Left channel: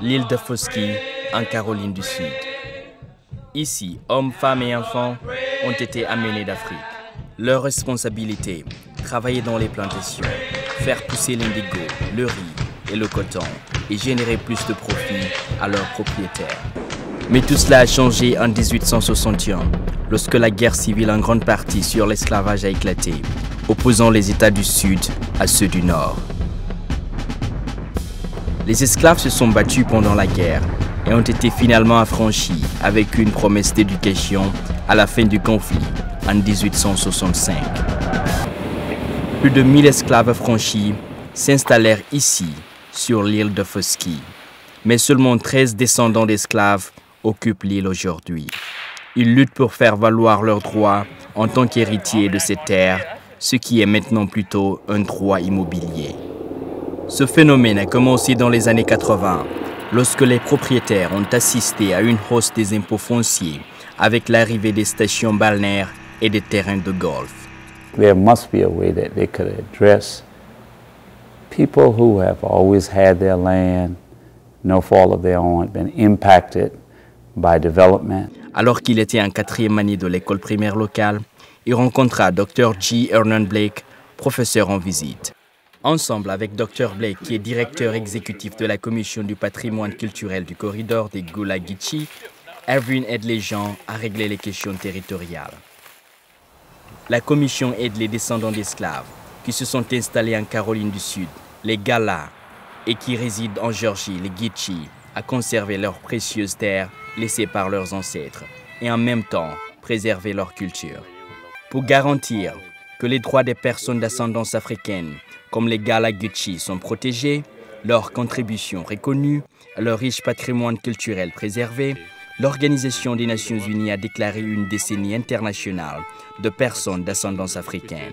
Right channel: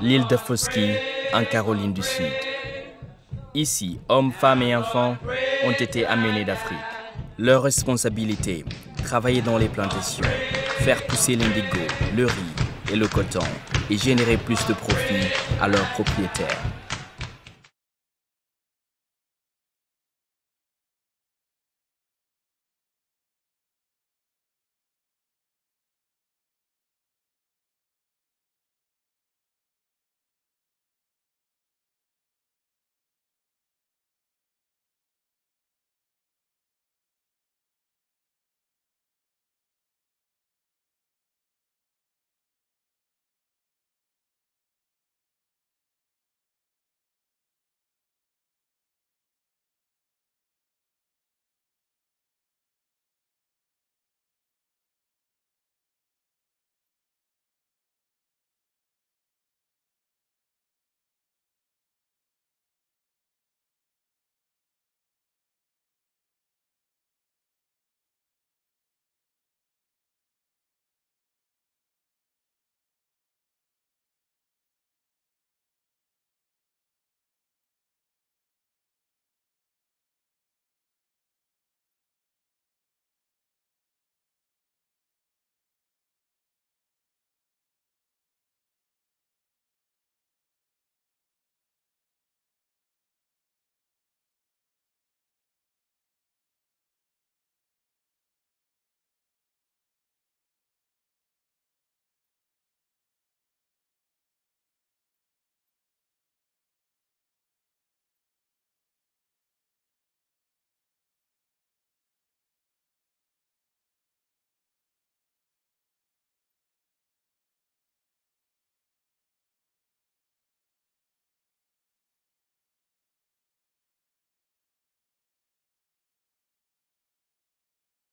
l'île de Foskey, en Caroline du Sud. Ici, hommes, femmes et enfants ont été amenés d'Afrique. Leur responsabilité, travailler dans les plantations, faire pousser l'indigo, le riz et le coton et générer plus de profit à leurs propriétaires. Mais tout cela a changé en 1861, lorsque la guerre civile en grande partie sur l'esclavage a éclaté, opposant les États du Sud à ceux du Nord. Les esclaves se sont battus pendant la guerre et ont été finalement affranchis avec une promesse d'éducation à la fin du conflit en 1865. Plus de 1000 esclaves affranchis s'installèrent ici, sur l'île de Foskey. Mais seulement 13 descendants d'esclaves occupent l'île aujourd'hui. Ils luttent pour faire valoir leurs droits en tant qu'héritiers de ces terres, ce qui est maintenant plutôt un droit immobilier. Ce phénomène a commencé dans les années 80, lorsque les propriétaires ont assisté à une hausse des impôts fonciers avec l'arrivée des stations balnéaires et des terrains de golf. There must be a way that they could address people who have always had their land, no fault of their own, been impacted by development. Alors qu'il était en 4e année de l'école primaire locale, il rencontra Dr. G. Hernan Blake, professeur en visite. Ensemble avec Dr. Blake, qui est directeur exécutif de la Commission du patrimoine culturel du corridor des Gullah-Geechee, Erwin aide les gens à régler les questions territoriales. La Commission aide les descendants d'esclaves qui se sont installés en Caroline du Sud, les Galas, et qui résident en Géorgie, les Geechee, à conserver leurs précieuses terres laissées par leurs ancêtres et en même temps préserver leur culture. Pour garantir que les droits des personnes d'ascendance africaine comme les Gullah-Geechee sont protégés, leurs contributions reconnues, leur riche patrimoine culturel préservé, l'Organisation des Nations Unies a déclaré une décennie internationale de personnes d'ascendance africaine.